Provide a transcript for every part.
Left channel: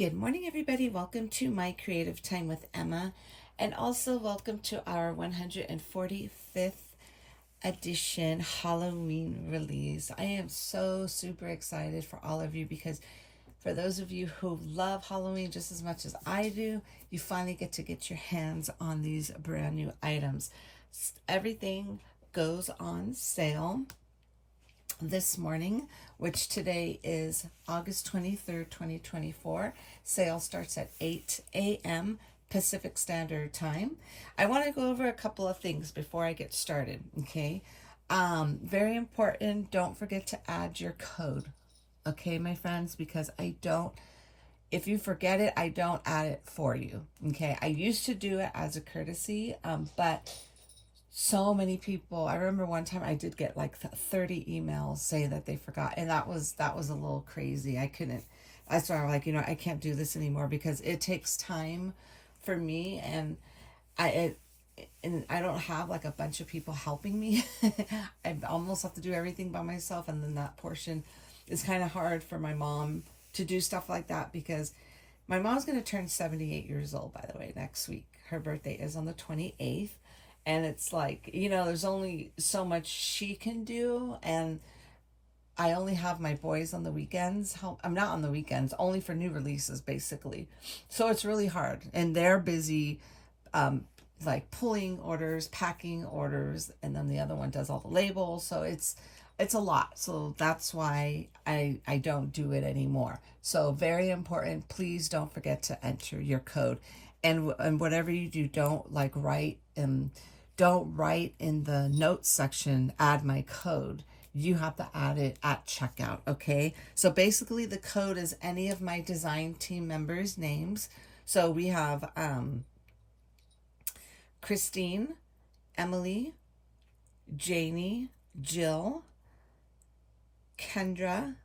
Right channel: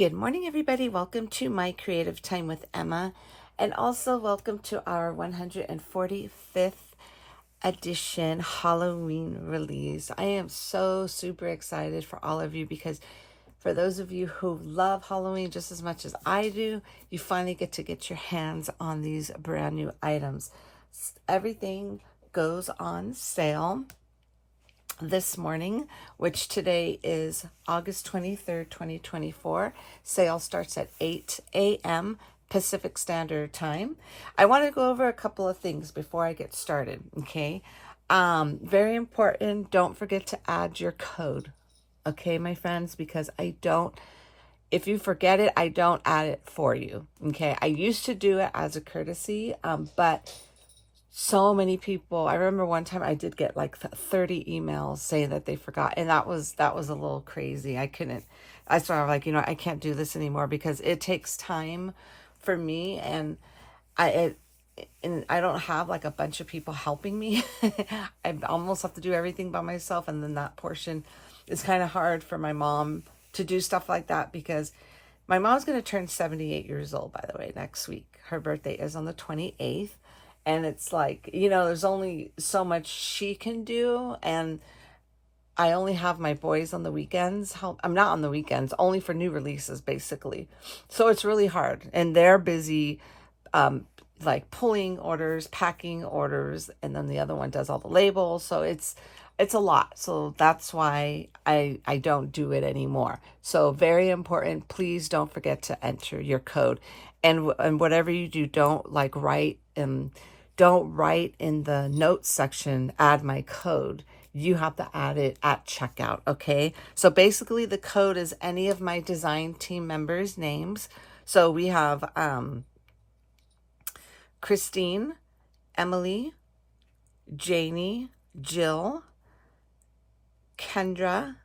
Good morning, everybody. Welcome to my Creative Time with Emma, and also welcome to our 145th edition Halloween release. I am so super excited for all of you because for those of you who love Halloween just as much as I do, you finally get to get your hands on these brand new items. Everything goes on sale this morning, which today is August 23rd, 2024. Sale starts at 8 a.m. Pacific Standard Time. I want to go over a couple of things before I get started, okay? Very important, don't forget to add your code, okay, my friends, because if you forget it, I don't add it for you, okay? I used to do it as a courtesy, but so many people, I remember one time I did get like 30 emails saying that they forgot, and that was a little crazy. I started like, I can't do this anymore because it takes time for me, and I don't have like a bunch of people helping me. I almost have to do everything by myself, and then that portion is kind of hard for my mom to do stuff like that because my mom's going to turn 78 years old, by the way, next week. Her birthday is on the 28th. And it's like, there's only so much she can do. And I only have my boys on the weekends. I'm not on the weekends, only for new releases, basically. So it's really hard. And they're busy, like pulling orders, packing orders. And then the other one does all the labels. So it's a lot. So that's why I don't do it anymore. So very important. Please don't forget to enter your code. And whatever you do, don't write in the notes section, add my code. You have to add it at checkout, okay? So basically the code is any of my design team members' names. So we have Christine, Emily, Janie, Jill, Kendra,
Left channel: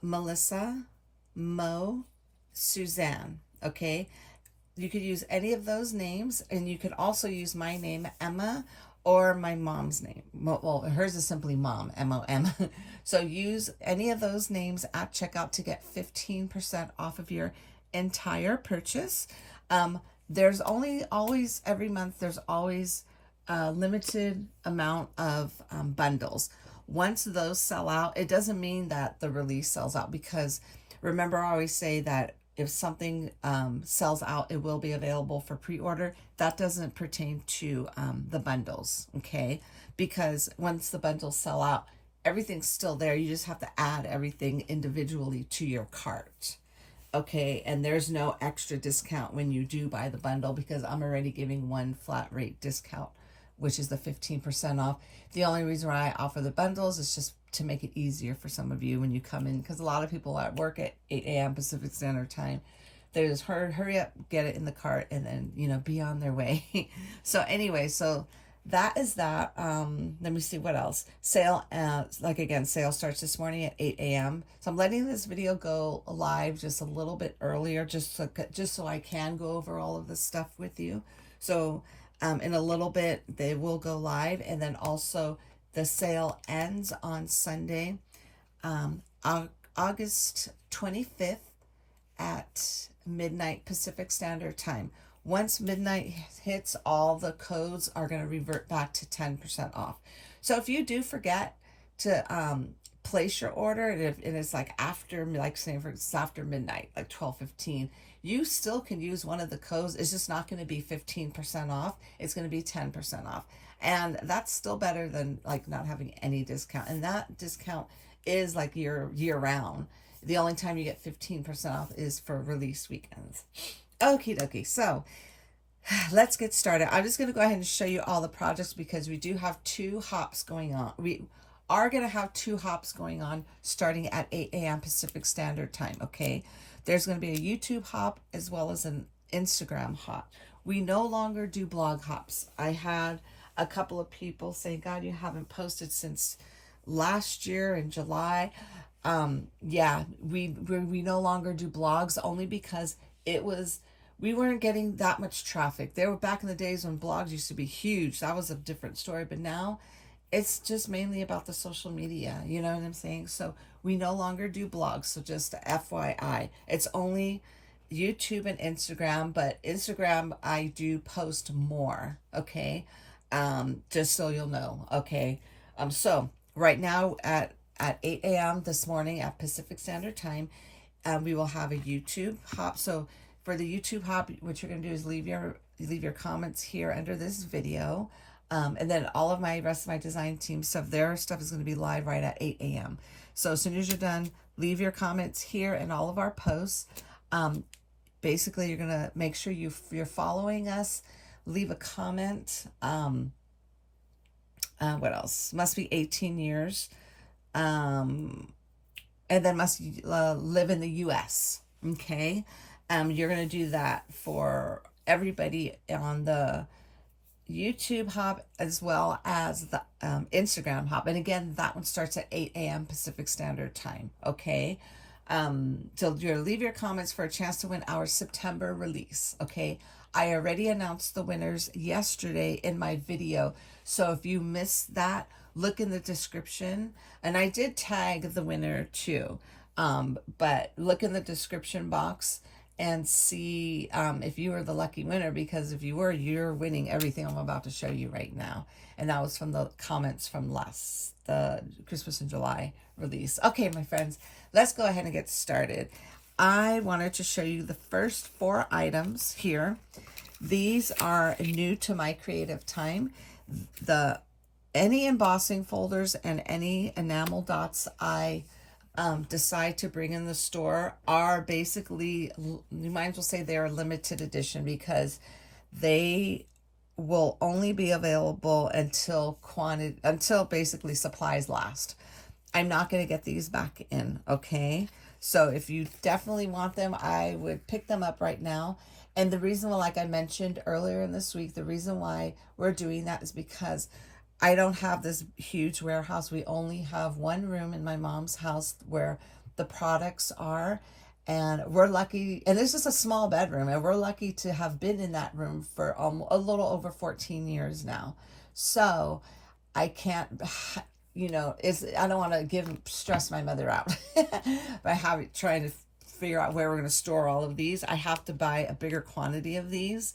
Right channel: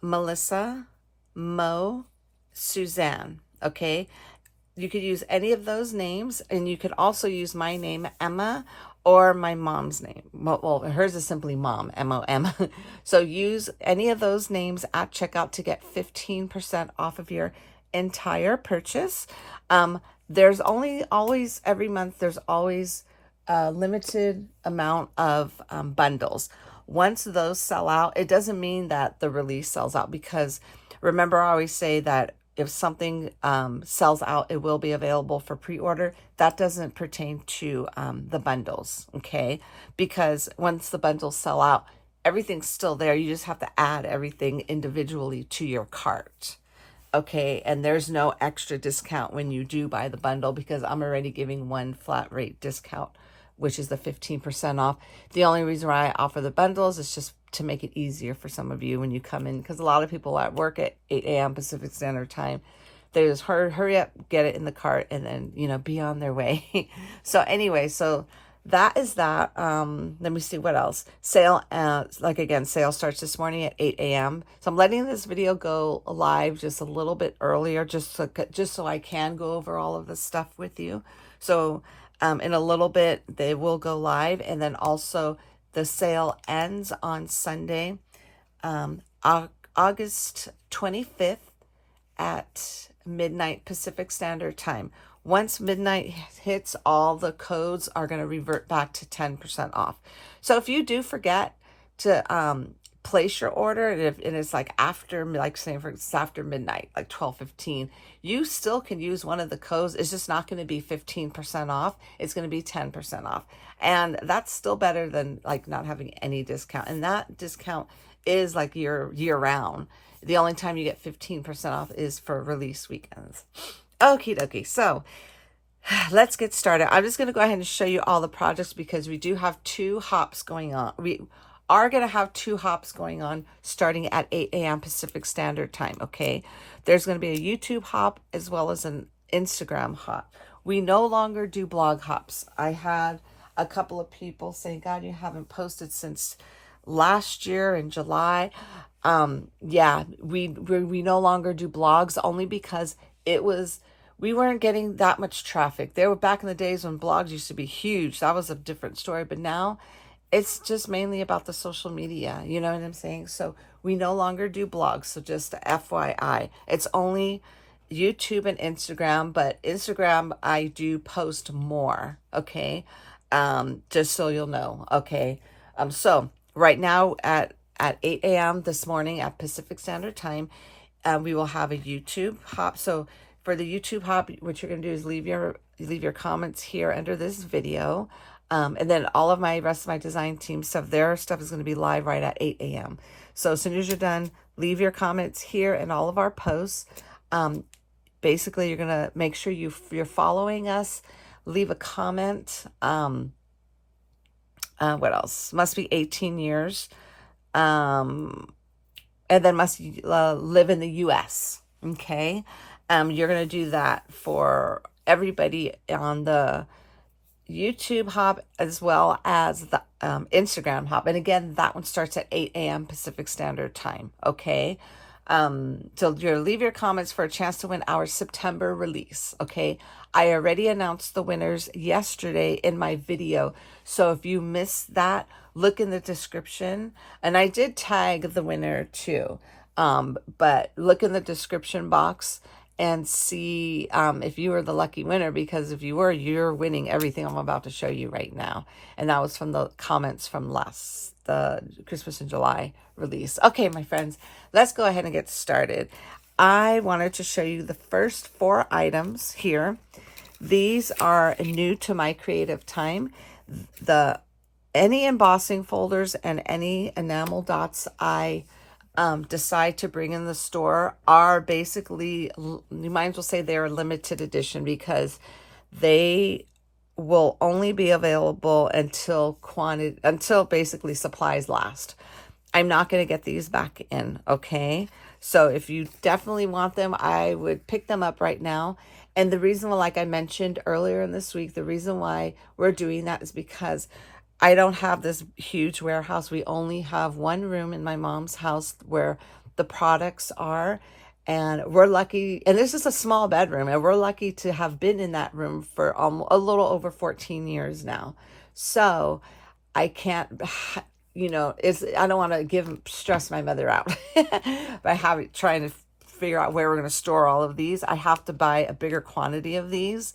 Melissa, Mo, Suzanne, okay? You could use any of those names, and you could also use my name, Emma, or my mom's name. Well, hers is simply Mom, M-O-M. So use any of those names at checkout to get 15% off of your entire purchase. There's always, every month, there's always a limited amount of bundles. Once those sell out, it doesn't mean that the release sells out, because remember, I always say that if something sells out, it will be available for pre-order. That doesn't pertain to the bundles, okay? Because once the bundles sell out, everything's still there. You just have to add everything individually to your cart, okay? And there's no extra discount when you do buy the bundle, because I'm already giving one flat rate discount, which is the 15% off. The only reason why I offer the bundles is just to make it easier for some of you when you come in, because a lot of people at work at 8 a.m. Pacific Standard Time, they just hurry up, get it in the cart, and then, be on their way. So anyway, so that is that. Let me see what else. Sale, sale starts this morning at 8 a.m. So I'm letting this video go live just a little bit earlier, just so I can go over all of this stuff with you. So in a little bit, they will go live, and then also the sale ends on Sunday, August 25th at midnight Pacific Standard Time. Once midnight hits, all the codes are going to revert back to 10% off. So if you do forget to place your order, and it's like after, say for instance, after midnight, like 12:15, you still can use one of the codes. It's just not going to be 15% off. It's going to be 10% off. And that's still better than like not having any discount. And that discount is like year round. The only time you get 15% off is for release weekends. Okie dokie. So let's get started. I'm just going to go ahead and show you all the projects, because we do have two hops going on. We are going to have two hops going on starting at 8 a.m. Pacific Standard Time, okay? There's going to be a YouTube hop as well as an Instagram hop. We no longer do blog hops. I had a couple of people saying, God, you haven't posted since last year in July. Yeah, we no longer do blogs, only because we weren't getting that much traffic. There were back in the days when blogs used to be huge. That was a different story. But now it's just mainly about the social media. You know what I'm saying? So we no longer do blogs. So just FYI, it's only YouTube and Instagram, but Instagram, I do post more. Okay. Just so you'll know. Okay. So right now at 8 a.m. this morning at Pacific Standard Time, we will have a YouTube hop. So for the YouTube hop, what you're going to do is leave your comments here under this video. And then all of my rest of my design team stuff, their stuff is going to be live right at 8 a.m. So as soon as you're done, leave your comments here in all of our posts. Basically, you're going to make sure you're following us. Leave a comment. What else? Must be 18 years. And then must live in the U.S. Okay. You're going to do that for everybody on the YouTube hop as well as the Instagram hop. And again, that one starts at 8 a.m. Pacific Standard Time. Okay. So you'll leave your comments for a chance to win our September release. Okay. I already announced the winners yesterday in my video. So if you missed that, look in the description. And I did tag the winner too. But look in the description box and see if you were the lucky winner, because if you were, you're winning everything I'm about to show you right now. And that was from the comments from the Christmas in July release. Okay, my friends, let's go ahead and get started. I wanted to show you the first 4 items here. These are new to my creative time. Any embossing folders and any enamel dots I decide to bring in the store are basically, you might as well say they're limited edition, because they will only be available until basically supplies last. I'm not going to get these back in. Okay. So if you definitely want them, I would pick them up right now. And the reason why, like I mentioned earlier in this week, the reason why we're doing that is because I don't have this huge warehouse. We only have one room in my mom's house where the products are. And we're lucky, and this is a small bedroom, and we're lucky to have been in that room for a little over 14 years now. So I can't, I don't want to stress my mother out by trying to figure out where we're going to store all of these. I have to buy a bigger quantity of these.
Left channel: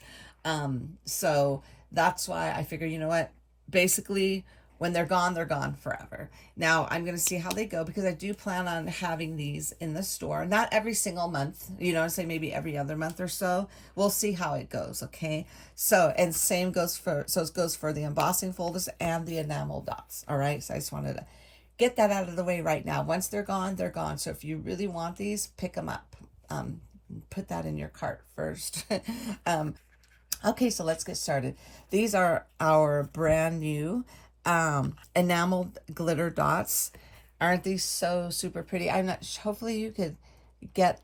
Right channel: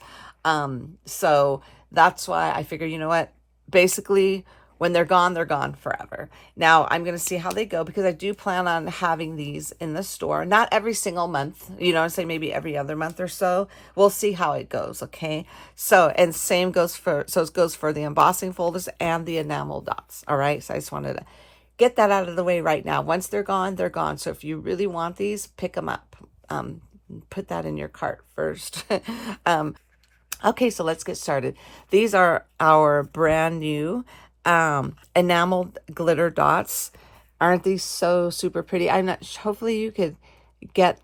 So that's why I figure, you know what? Basically, when they're gone forever. Now, I'm going to see how they go, because I do plan on having these in the store. Not every single month, I'd say maybe every other month or so. We'll see how it goes, okay? So, and it goes for the embossing folders and the enamel dots, all right? So I just wanted to get that out of the way right now. Once they're gone, they're gone. So if you really want these, pick them up. Put that in your cart first. Okay, so let's get started. These are our brand new enamel glitter dots. Aren't these so super pretty? Hopefully you could get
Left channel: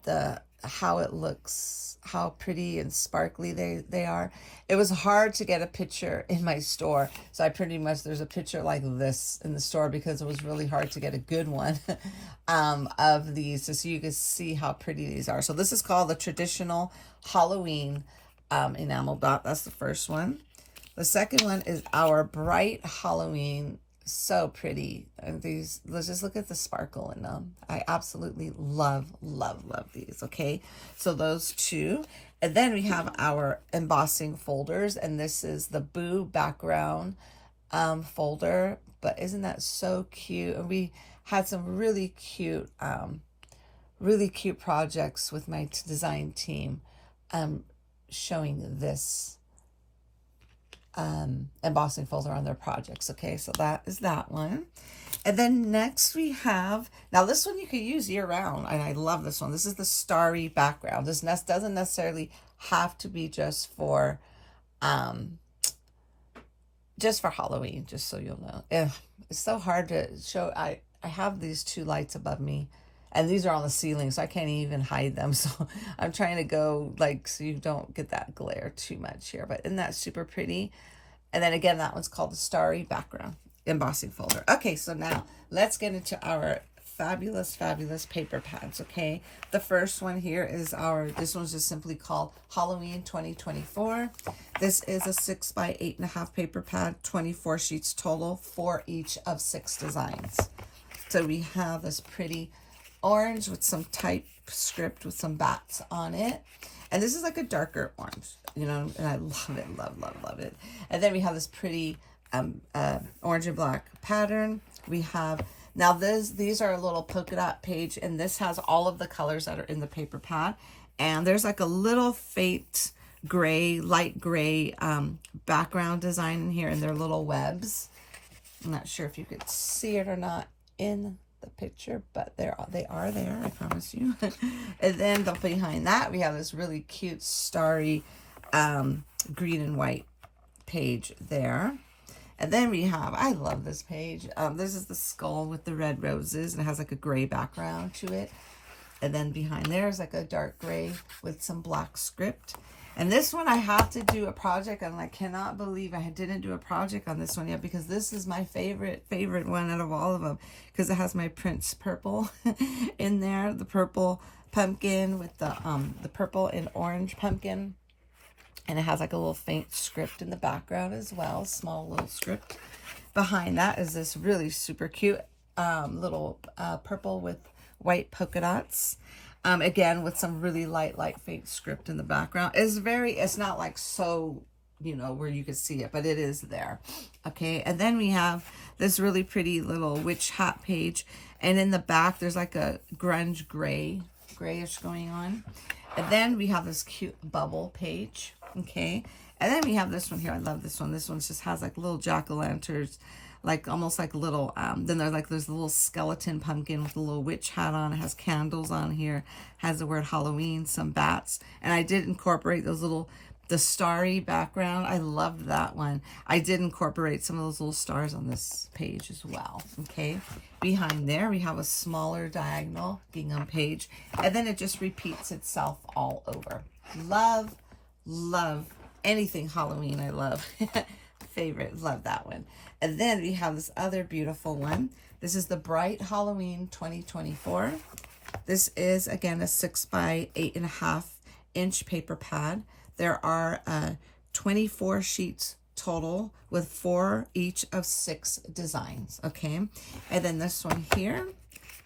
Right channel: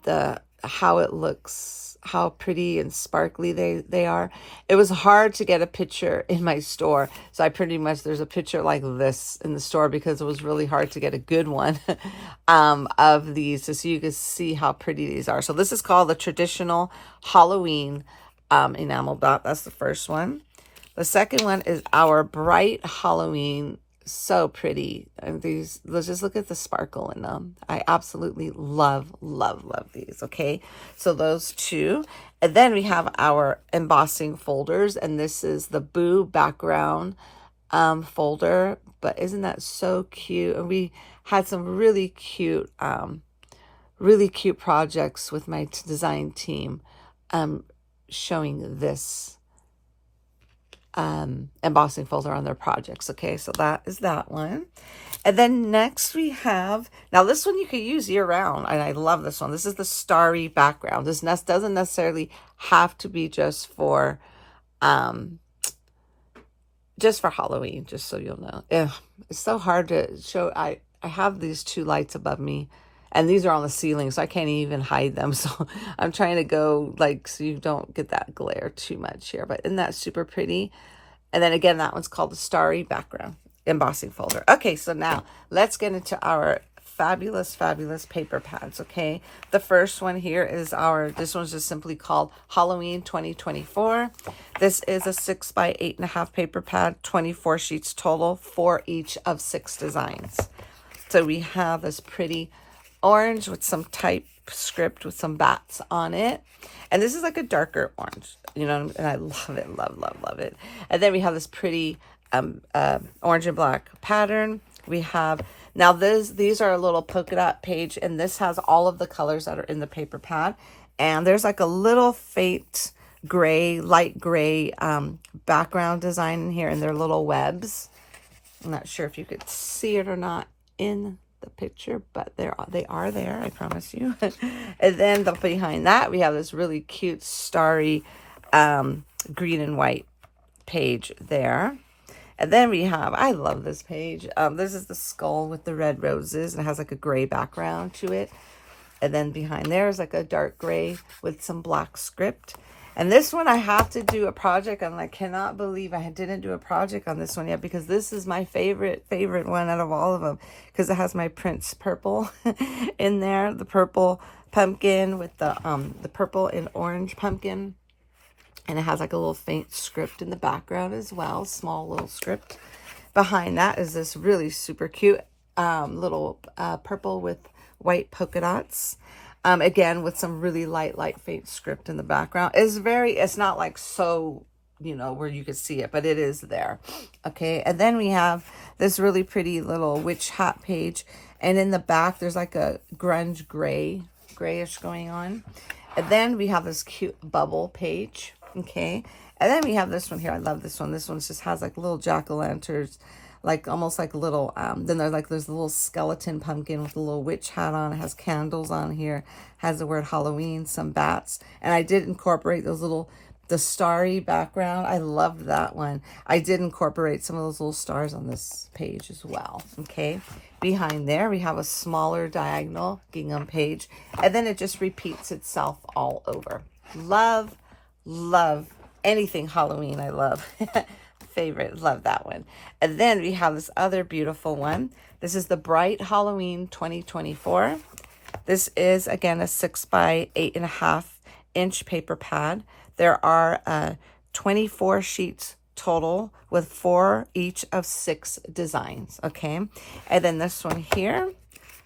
how it looks, how pretty and sparkly they are. It was hard to get a picture in my store. So there's a picture like this in the store, because it was really hard to get a good one of these, so you can see how pretty these are. So this is called the traditional Halloween enamel dot. That's the first one. The second one is our bright Halloween. So pretty. And let's just look at the sparkle in them. I absolutely love these. Okay, so those 2. And then we have our embossing folders, and this is the Boo background folder. But isn't that so cute? And we had some really cute projects with my design team showing this embossing folder on their projects. Okay, so that is that one. And then next we have, now this one you can use year round, and I love this one. This is the starry background. This doesn't necessarily have to be just for Halloween, just so you'll know. It's so hard to show. I have these 2 lights above me, and these are on the ceiling, so I can't even hide them. So I'm trying to go so you don't get that glare too much here. But isn't that super pretty? And then again, that one's called the starry background embossing folder. Okay, so now let's get into our fabulous, fabulous paper pads, okay? The first one here is this one's just simply called Halloween 2024. This is a 6 by 8.5 paper pad, 24 sheets total, for each of 6 designs. So we have this pretty orange with some typescript with some bats on it. And this is like a darker orange, you know, and I love it, love it. And then we have this pretty orange and black pattern. We have, now these are a little polka dot page, and this has all of the colors that are in the paper pad. And there's like a little faint gray, light gray background design in here, and they're little webs. I'm not sure if you could see it or not in the picture, but they are there, I promise you. And then behind that, we have this really cute starry green and white page there. And then we have, I love this page. This is the skull with the red roses, and it has like a gray background to it. And then behind there is like a dark gray with some black script. And this one I have to do a project on. I cannot believe I didn't do a project on this one yet, because this is my favorite one out of all of them, because it has my Prince purple in there, the purple pumpkin with the purple and orange pumpkin. And it has like a little faint script in the background as well, small little script. Behind that is this really super cute little purple with white polka dots. Again, with some really light faint script in the background. It's not like so, you know, where you could see it, but it is there. Okay, and then we have this really pretty little witch hat page. And in the back, there's like a grunge grayish going on. And then we have this cute bubble page. Okay, and then we have this one here. I love this one. This one just has like little jack-o'-lanterns, like almost like little then there's like this little skeleton pumpkin with a little witch hat on. It has candles on here, has the word Halloween, some bats, and I did incorporate the starry background. I love that one. I did incorporate some of those little stars on this page as well. Okay, behind there we have a smaller diagonal gingham page, and then it just repeats itself all over. Love anything Halloween. I love. Favorite, love that one. And then we have this other beautiful one. This is the Bright Halloween 2024. This is again a 6 by 8.5 inch paper pad. There are 24 sheets total with 4 each of 6 designs. Okay, and then this one here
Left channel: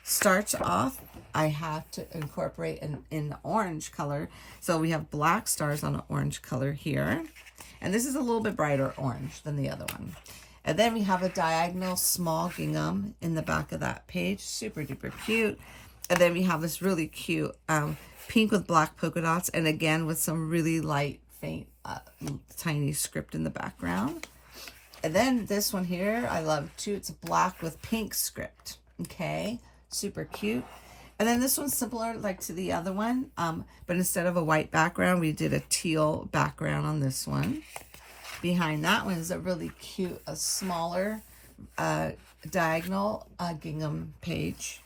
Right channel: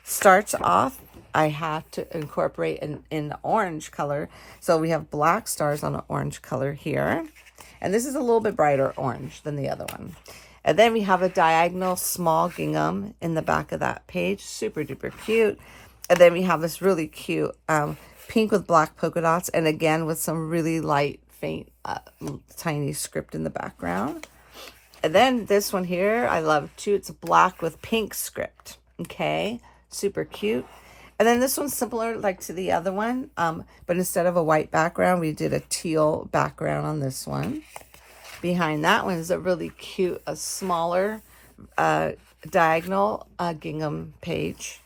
starts off, I have to incorporate in orange color. So we have black stars on an orange color here. And this is a little bit brighter orange than the other one. And then we have a diagonal small gingham in the back of that page. Super duper cute. And then we have this really cute pink with black polka dots. And again, with some really light, faint, tiny script in the background. And then this one here, I love too. It's black with pink script. Okay, super cute. And then this one's similar like to the other one, but instead of a white background, we did a teal background on this one. Behind that one is a really cute, a smaller diagonal gingham page.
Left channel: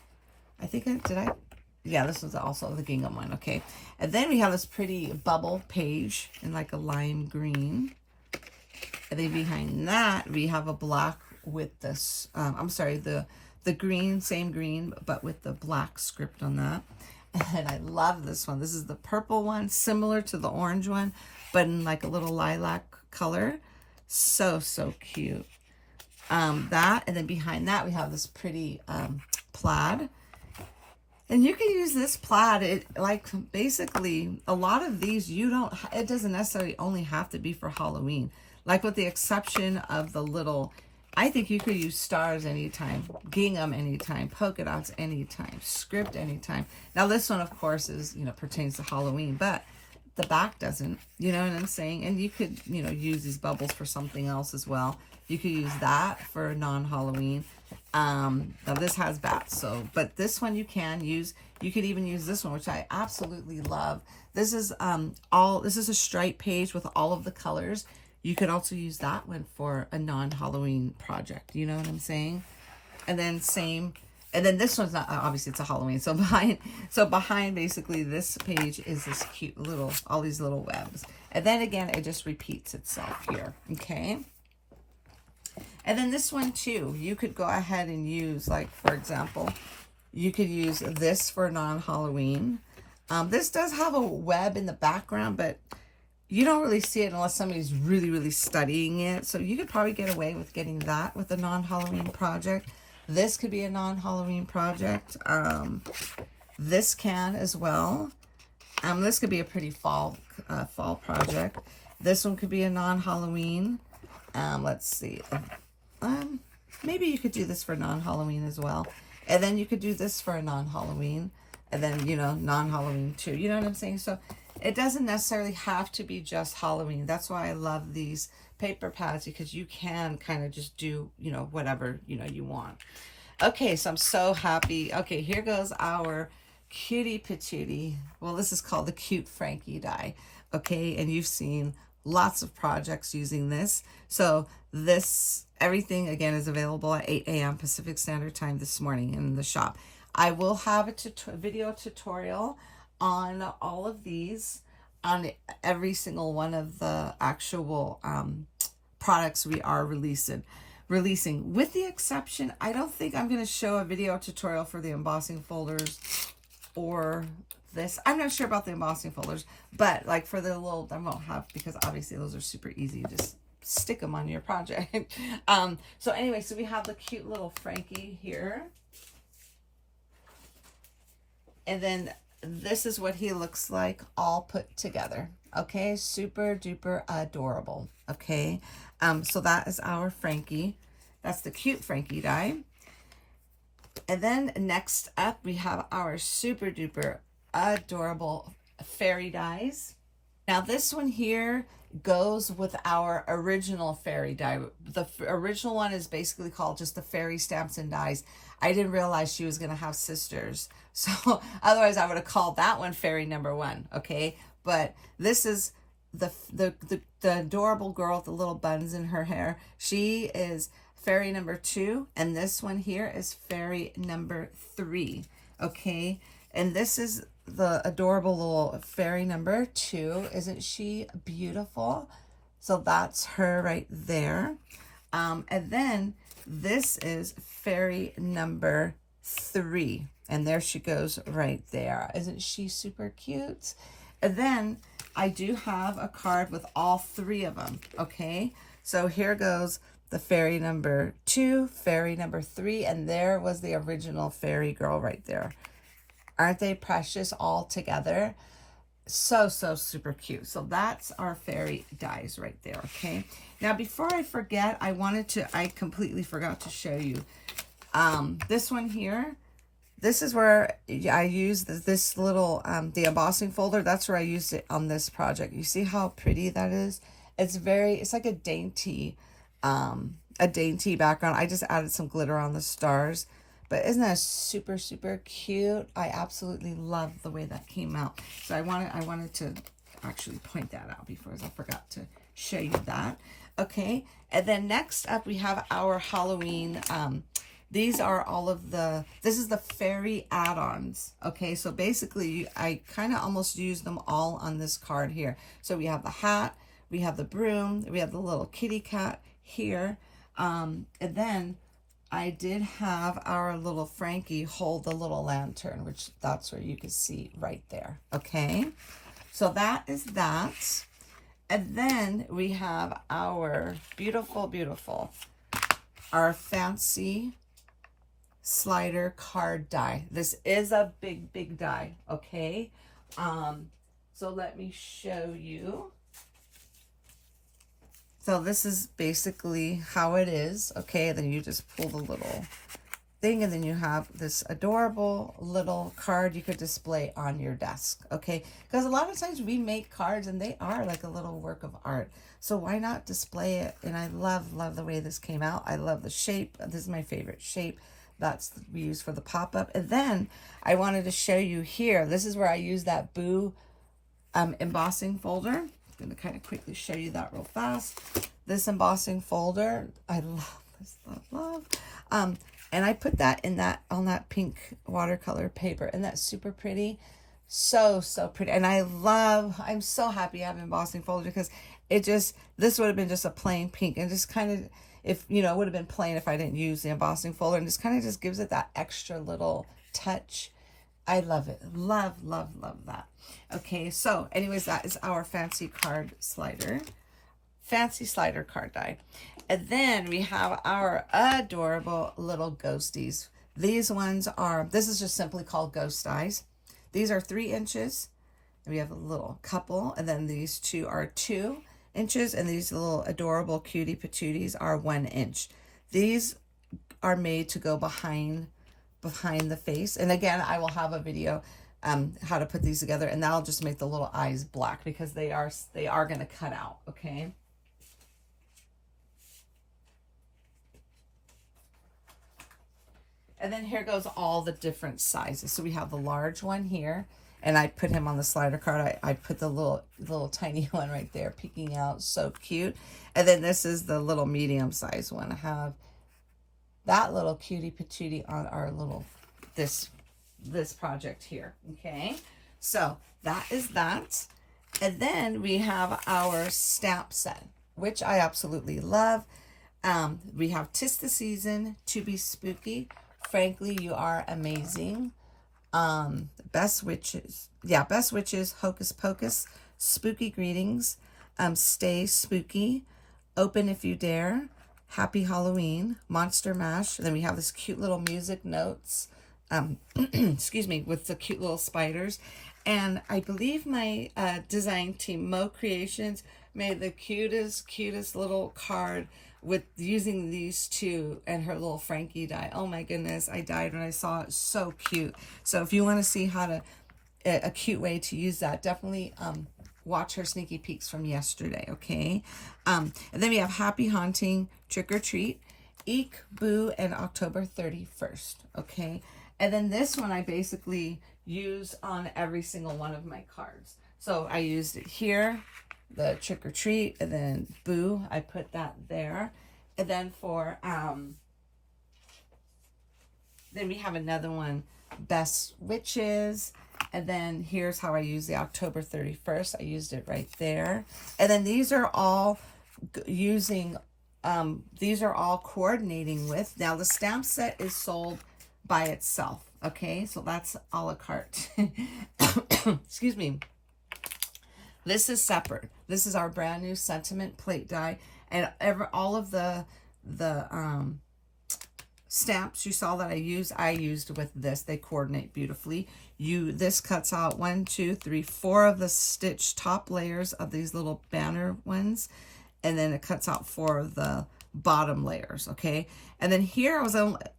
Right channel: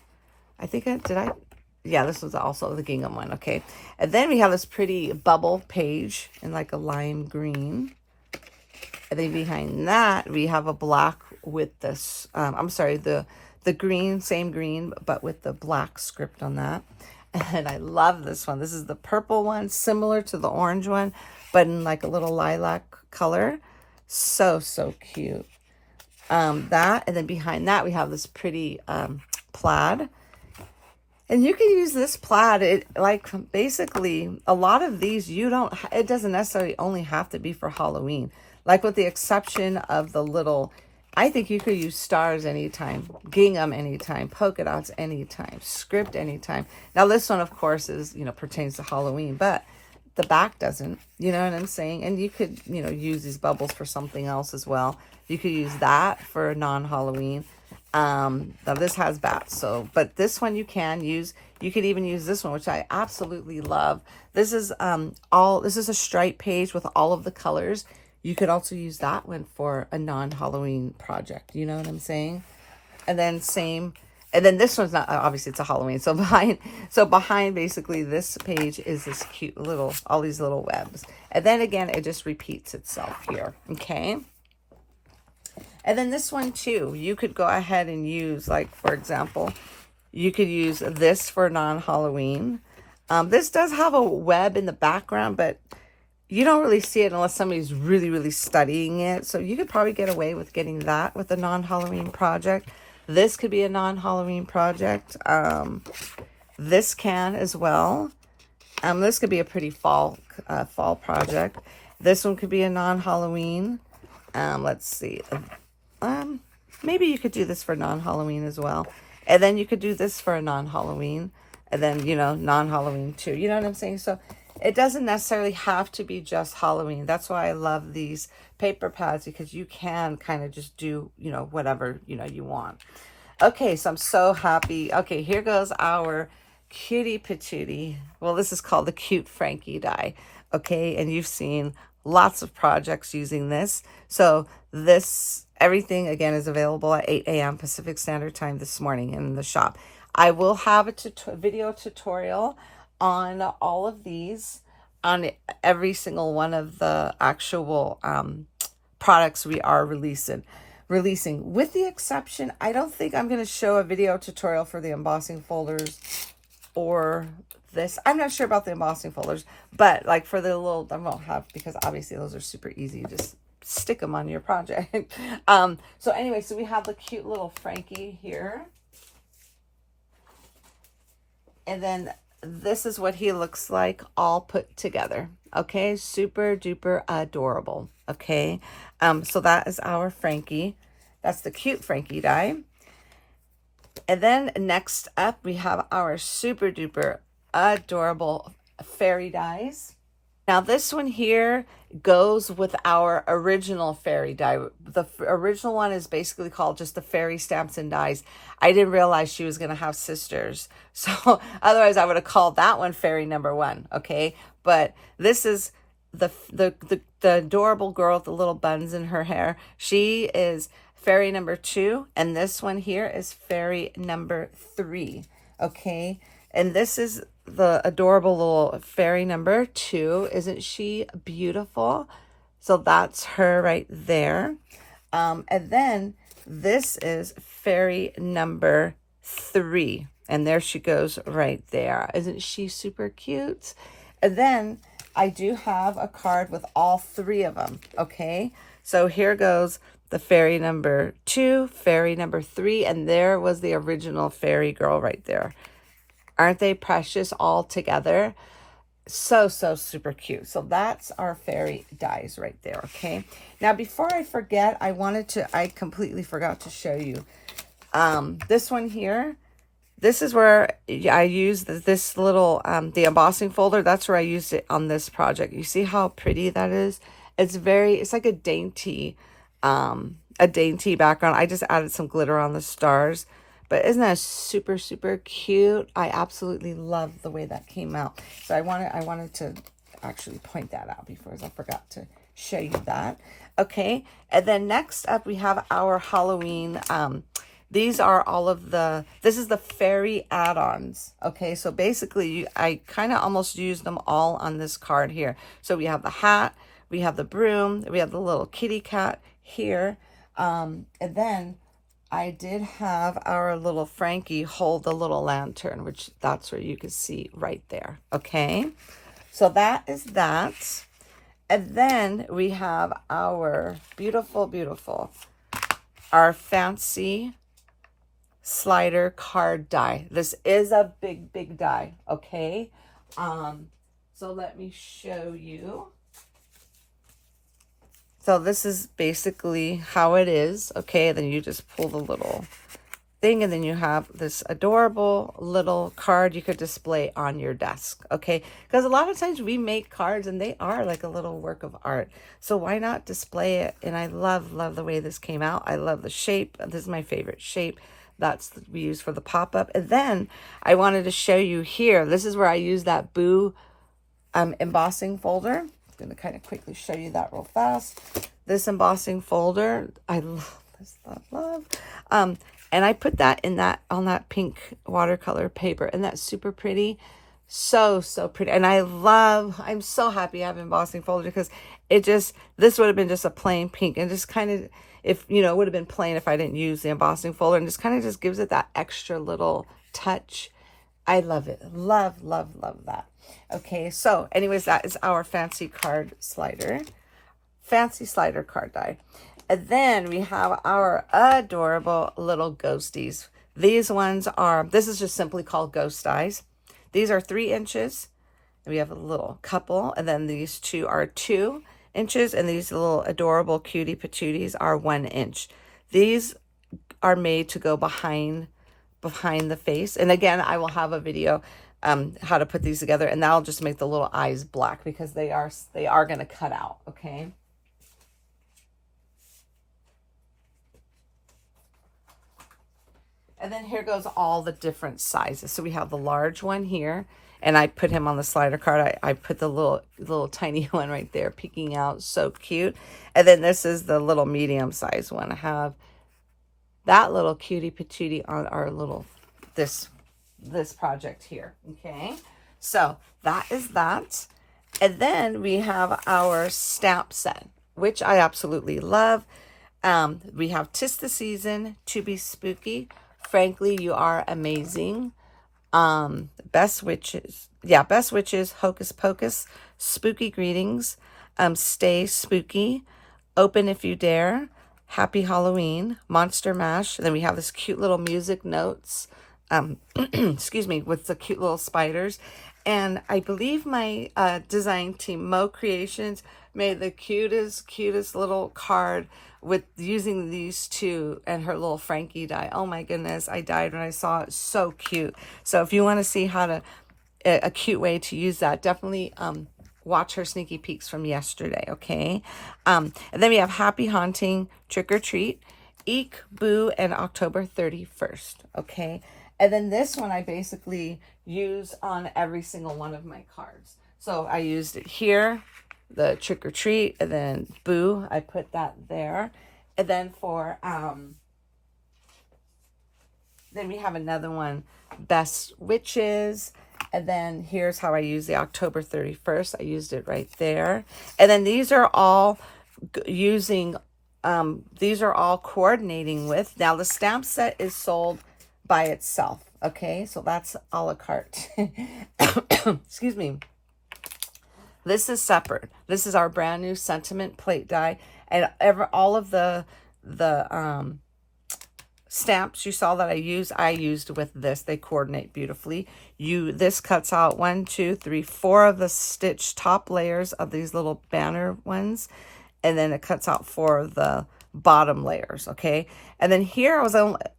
I think yeah, this was also the gingham one. Okay, and then we have this pretty bubble page in like a lime green. And then behind that, we have a black with this, I'm sorry, the green, same green, but with the black script on that. And I love this one. This is the purple one, similar to the orange one, but in like a little lilac color. So cute. That, and then behind that, we have this pretty plaid. And you can use this plaid, basically, a lot of these, it doesn't necessarily only have to be for Halloween. Like with the exception of the little, I think you could use stars anytime, gingham anytime, polka dots anytime, script anytime. Now this one, of course, is, pertains to Halloween, but the back doesn't, you know what I'm saying? And you could, use these bubbles for something else as well. You could use that for non-Halloween. Now this has bats, but this one you can use. You could even use this one, which I absolutely love. This is a stripe page with all of the colors. You could also use that one for a non-Halloween project. You know what I'm saying? And then this one's not, obviously it's a Halloween. So behind basically this page is this cute all these little webs. And then again, it just repeats itself here. Okay. And then this one too, you could go ahead and use, like, for example, You could use this for non-Halloween. This does have a web in the background, but you don't really see it unless somebody's really, really studying it. So you could probably get away with getting that with a non-Halloween project. This could be a non-Halloween project. This can as well. This could be a pretty fall project. This one could be a non-Halloween. Let's see. Maybe you could do this for non-Halloween as well. And then you could do this for a non-Halloween. And then, you know, non-Halloween too. You know what I'm saying? So it doesn't necessarily have to be just Halloween. That's why I love these paper pads, because you can kind of just do, you know, whatever, you know, you want. Okay, so I'm so happy. Okay, here goes our cutie patootie. Well, this is called the Cute Frankie die. Okay, and you've seen lots of projects using this. So this, everything again is available at 8 a.m. Pacific Standard Time this morning in the shop. I will have a video tutorial on all of these, on every single one of the actual products we are releasing. With the exception, I don't think I'm going to show a video tutorial for the embossing folders or this. I'm not sure about the embossing folders, but like for the little, I won't have, because obviously those are super easy. Just stick them on your project. So anyway, so we have the cute little Frankie here. And then this is what he looks like all put together. Okay, super duper adorable. Okay, so that is our Frankie. That's the Cute Frankie die. And then next up, we have our super duper adorable fairy dies. Now this one here goes with our original fairy die. The original one is basically called just the fairy stamps and dies. I didn't realize she was going to have sisters. So otherwise I would have called that one fairy number 1. Okay. But this is the adorable girl with the little buns in her hair. She is fairy number 2. And this one here is fairy number 3. Okay. And this is the adorable little fairy number 2. Isn't she beautiful? So that's her right there. And then this is fairy number 3. And there she goes right there. Isn't she super cute? And then I do have a card with all 3 of them. Okay. So here goes the fairy number 2, fairy number 3. And there was the original fairy girl right there. Aren't they precious all together? So super cute. So that's our fairy dies right there. Okay. Now, before I forget, I completely forgot to show you this one here. This is where I use this little, the embossing folder. That's where I used it on this project. You see how pretty that is? It's like a dainty background. I just added some glitter on the stars. But isn't that super, super cute? I absolutely love the way that came out. So I wanted to actually point that out before I forgot to show you that. Okay. And then next up, we have our Halloween. These are all of this is the fairy add-ons. Okay. So basically I kind of almost used them all on this card here. So we have the hat, we have the broom, we have the little kitty cat here. And then I did have our little Frankie hold the little lantern, which that's where you can see right there. Okay. So that is that. And then we have our beautiful, beautiful, our fancy slider card die. This is a big, big die. Okay. So let me show you. So this is basically how it is. Okay, then you just pull the little thing, and then you have this adorable little card you could display on your desk. Okay, because a lot of times we make cards and they are like a little work of art. So why not display it? And I love the way this came out. I love the shape. This is my favorite shape. That's we use for the pop-up. And then I wanted to show you here. This is where I use that Boo embossing folder. Going to kind of quickly show you that real fast. This embossing folder, I love this, love. And I put that on that pink watercolor paper, and that's super pretty. So pretty. And I'm so happy I have embossing folder, because this would have been just a plain pink, and just kind of, if, you know, it would have been plain if I didn't use the embossing folder, and just kind of just gives it that extra little touch. I love it. Love, love, love that. Okay, so anyways, that is our fancy card slider. Fancy slider card die. And then we have our adorable little ghosties. These ones are, this is just simply called ghost dies. These are 3 inches. And we have a little couple. And then these two are 2 inches. And these little adorable cutie patooties are 1 inch. These are made to go behind the face. And again, I will have a video how to put these together. And that'll just make the little eyes black because they are going to cut out. Okay. And then here goes all the different sizes. So we have the large one here, and I put him on the slider card. I put the little tiny one right there peeking out. So cute. And then this is the little medium size one. I have that little cutie patootie on our little, this project here. Okay. So that is that. And then we have our stamp set, which I absolutely love. We have 'Tis the Season, To Be Spooky, Frankly, You Are Amazing, Best Witches, Hocus Pocus, Spooky Greetings, Stay Spooky, Open If You Dare, Happy Halloween, Monster Mash. And then we have this cute little music notes, excuse me, with the cute little spiders. And I believe my design team, Mo Creations, made the cutest little card with using these two and her little Frankie die. Oh my goodness, I died when I saw it. So cute. So if you want to see how to, a cute way to use that, definitely watch her sneaky peeks from yesterday, okay? And then we have Happy Haunting, Trick or Treat, Eek, Boo, and October 31st, okay? And then this one I basically use on every single one of my cards. So I used it here, the Trick or Treat, and then Boo, I put that there. And then for, then we have another one, Best Witches. And then here's how I use the October 31st. I used it right there. And then these are all using, these are all coordinating with. Now the stamp set is sold by itself. Okay, so that's a la carte. Excuse me. This is separate. This is our brand new sentiment plate die, and all of the stamps you saw that I used with this. They coordinate beautifully. This cuts out 1, 2, 3, 4 of the stitch top layers of these little banner ones, and then it cuts out 4 of the bottom layers. Okay, and then here I was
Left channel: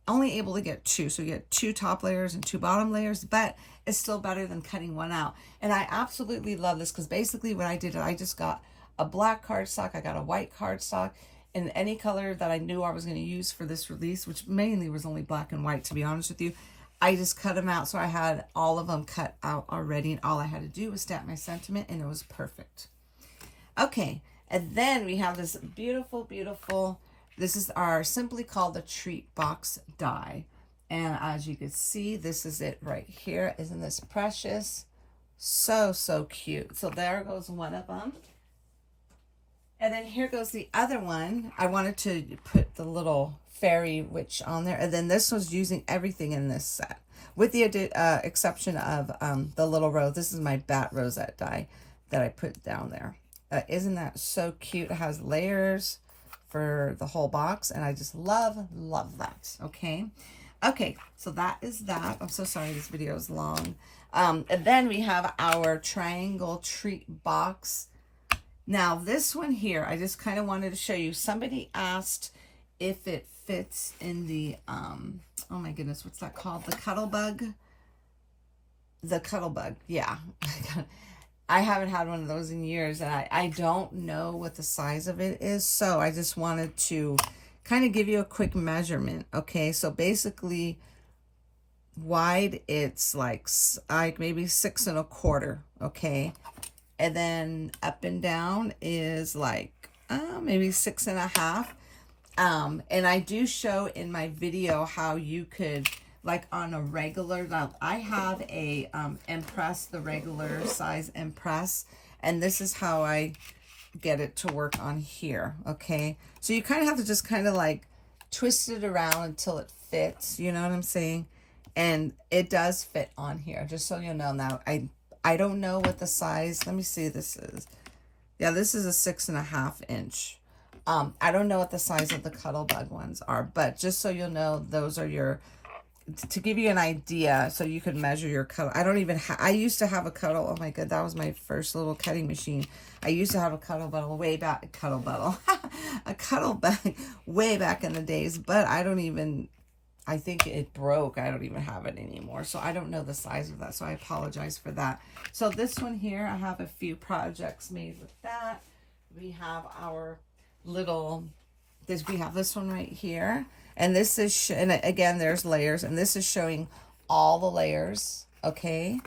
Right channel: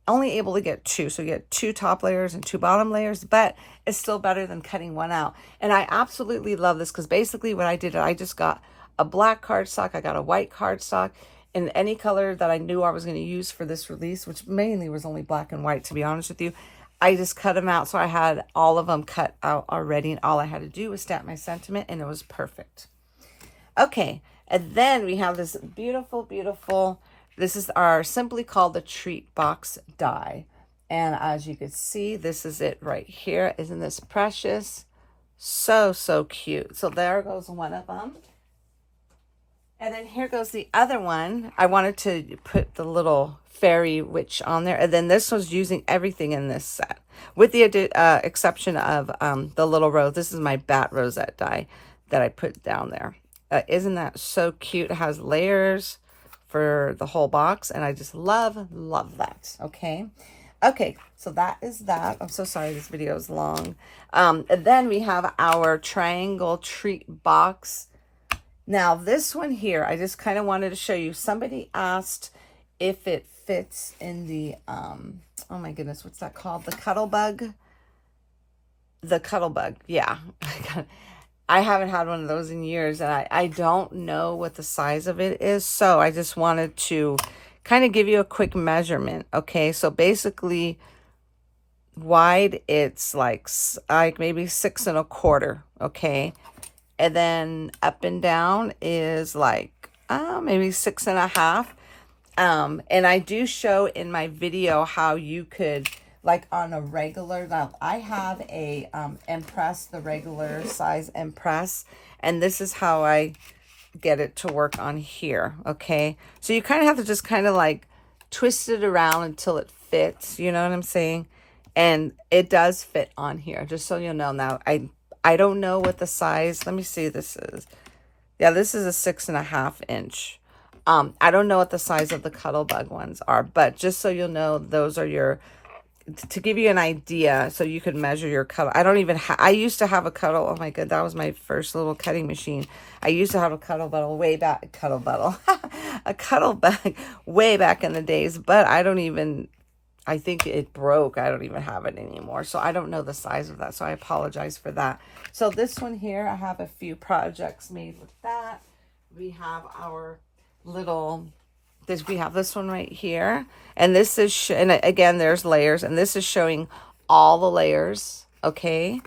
only able to get 2, so you get 2 top layers and 2 bottom layers, but it's still better than cutting one out. And I absolutely love this because basically what I did, I just got a black cardstock, I got a white cardstock, in any color that I knew I was going to use for this release, which mainly was only black and white, to be honest with you. I just cut them out, so I had all of them cut out already, and all I had to do was stamp my sentiment, and it was perfect. Okay, and then we have this beautiful, beautiful, this is our simply called the Treat Box die. And as you can see, this is it right here. Isn't this precious? So, so cute. So there goes one of them. And then here goes the other one. I wanted to put the little fairy witch on there. And then this was using everything in this set, with the exception of the little rose. This is my bat rosette die that I put down there. Isn't that so cute? It has layers for the whole box, and I just love that. Okay. Okay, so that is that. I'm so sorry this video is long. And then we have our triangle treat box. Now this one here, I just kind of wanted to show you. Somebody asked if it fits in the, oh my goodness, what's that called? The cuddle bug? The cuddle bug, yeah. I haven't had one of those in years, and I don't know what the size of it is. So I just wanted to kind of give you a quick measurement. Okay, so basically wide, it's like maybe 6 1/4. Okay. And then up and down is like maybe 6 1/2. And I do show in my video how you could, like on a regular, now I have a Impress, the regular size Impress, and this is how I get it to work on here. Okay, so you kind of have to just kind of like twist it around until it fits, you know what I'm saying? And it does fit on here, just so you know. Now, I don't know what the size, let me see, this is, yeah, this is a 6.5 inch. I don't know what the size of the Cuttlebug ones are, but just so you'll know, those are your, to give you an idea, so you could measure your Cuttle. I don't even I used to have a Cuttle, oh my god, that was my first little cutting machine. I used to have a Cuttlebug way back, a Cuttlebug way back in the days, but I don't even, I think it broke. I don't even have it anymore. So I don't know the size of that. So I apologize for that. So this one here, I have a few projects made with that. We have our little, we have this one right here. And this is, and again, there's layers. And this is showing all the layers. Okay.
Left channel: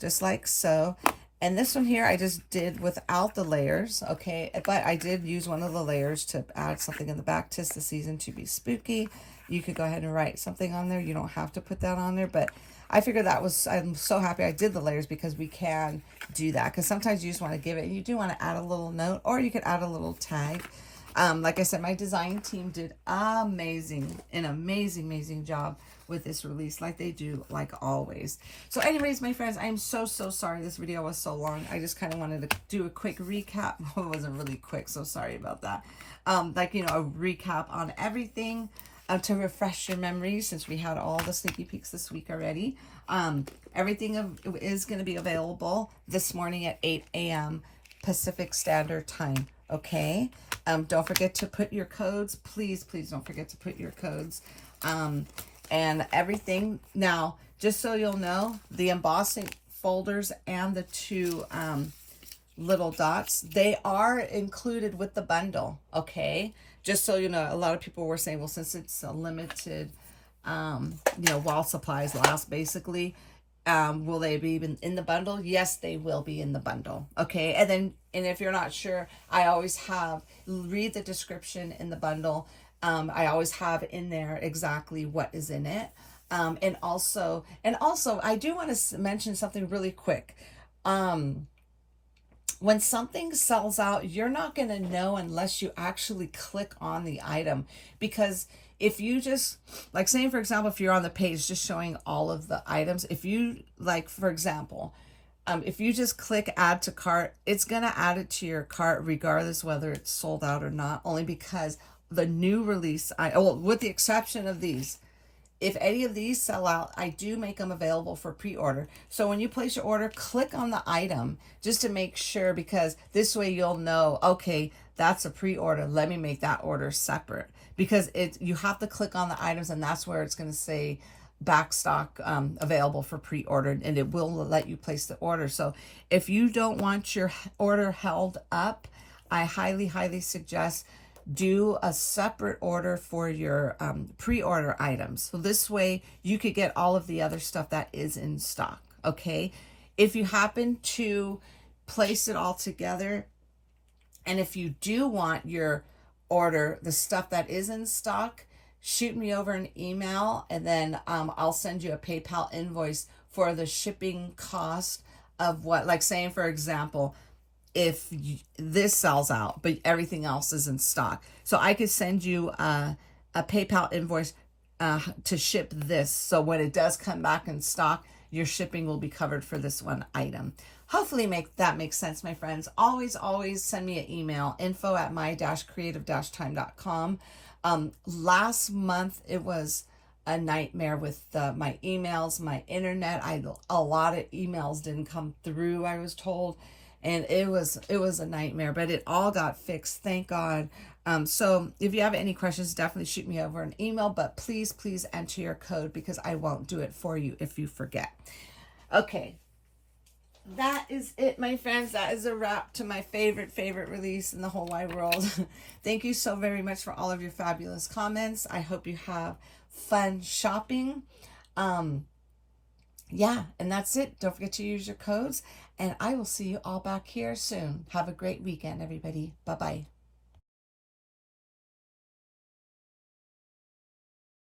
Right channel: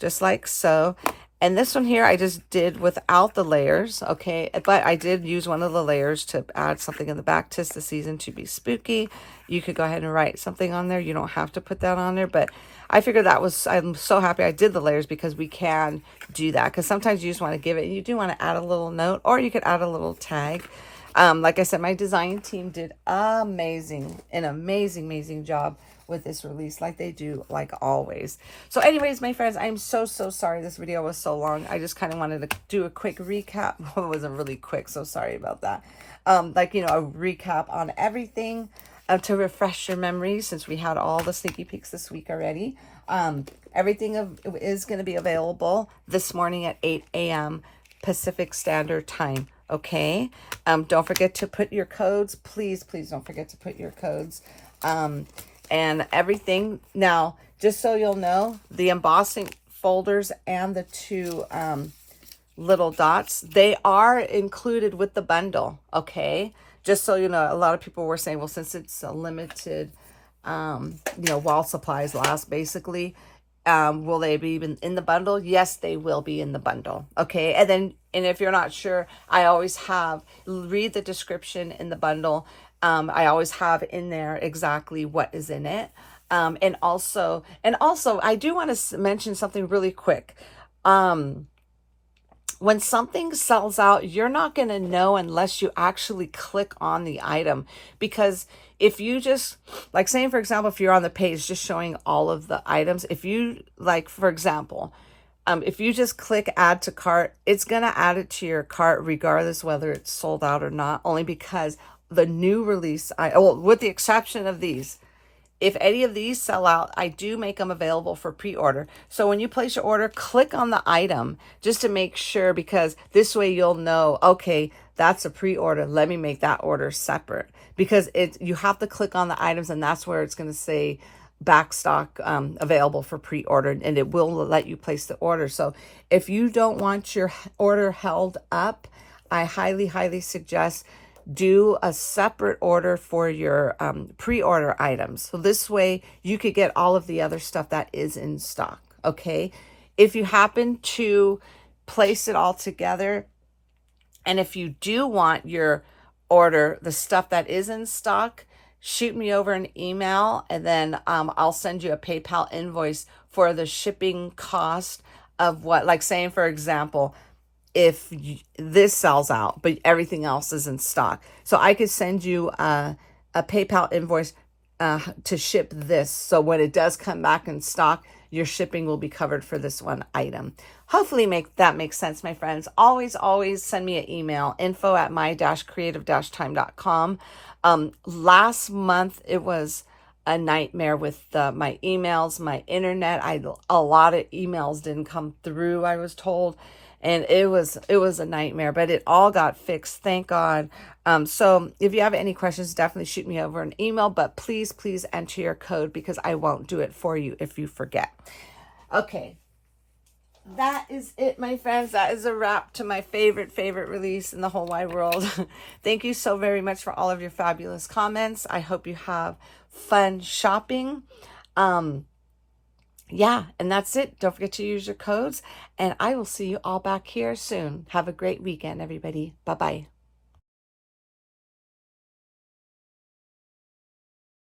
Just like so. And this one here, I just did without the layers, okay? But I did use one of the layers to add something in the back. 'Tis the season to be spooky. You could go ahead and write something on there. You don't have to put that on there, but I figured that was, I'm so happy I did the layers because we can do that. Because sometimes you just want to give it, and you do want to add a little note, or you could add a little tag. Like I said, my design team did an amazing job with this release, like they do, like always. So anyways, my friends, I'm so sorry this video was so long. I just kind of wanted to do a quick recap. Well, it wasn't really quick, so sorry about that. Like, you know, a recap on everything to refresh your memories, since we had all the sneaky peeks this week already. Everything is going to be available this morning at 8 a.m. Pacific Standard Time. Okay. Don't forget to put your codes. Please don't forget to put your codes. And everything. Now, just so you'll know, the embossing folders and the two little dots, they are included with the bundle. Okay. Just so you know, a lot of people were saying, well, since it's a limited, you know, while supplies last, basically, will they be in the bundle? Yes, they will be in the bundle. Okay. And then, and if you're not sure, I always read the description in the bundle. I always have in there exactly what is in it. And also, I do want to mention something really quick. When something sells out, you're not going to know unless you actually click on the item. Because if you just, like saying, for example, if you're on the page just showing all of the items, if you, like, for example, if you just click add to cart, it's going to add it to your cart regardless whether it's sold out or not, only because the new release, well, with the exception of these, if any of these sell out, I do make them available for pre-order. So when you place your order, click on the item just to make sure, because this way you'll know, okay, that's a pre-order. Let me make that order separate, because you have to click on the items, and that's where it's going to say backstock available for pre-order, and it will let you place the order. So if you don't want your order held up, I highly suggest do a separate order for your pre-order items. So this way you could get all of the other stuff that is in stock. Okay. If you happen to place it all together, and if you do want your order, the stuff that is in stock, shoot me over an email, and then I'll send you a PayPal invoice for the shipping cost of what, like saying, for example, if this sells out, but everything else is in stock. So I could send you a PayPal invoice to ship this. So when it does come back in stock, your shipping will be covered for this one item. Hopefully that makes sense, my friends. Always send me an email, info@my-creative-time.com. Last month, it was a nightmare with my emails, my internet. A lot of emails didn't come through, I was told. And it was a nightmare, but it all got fixed, thank God. So if you have any questions, definitely shoot me over an email, but please enter your code, because I won't do it for you if you forget. Okay, that is it, my friends. That is a wrap to my favorite release in the whole wide world. Thank you so very much for all of your fabulous comments. I hope you have fun shopping. Yeah, and that's it. Don't forget to use your codes, and I will see you all back here soon. Have a great weekend, everybody. Bye-bye.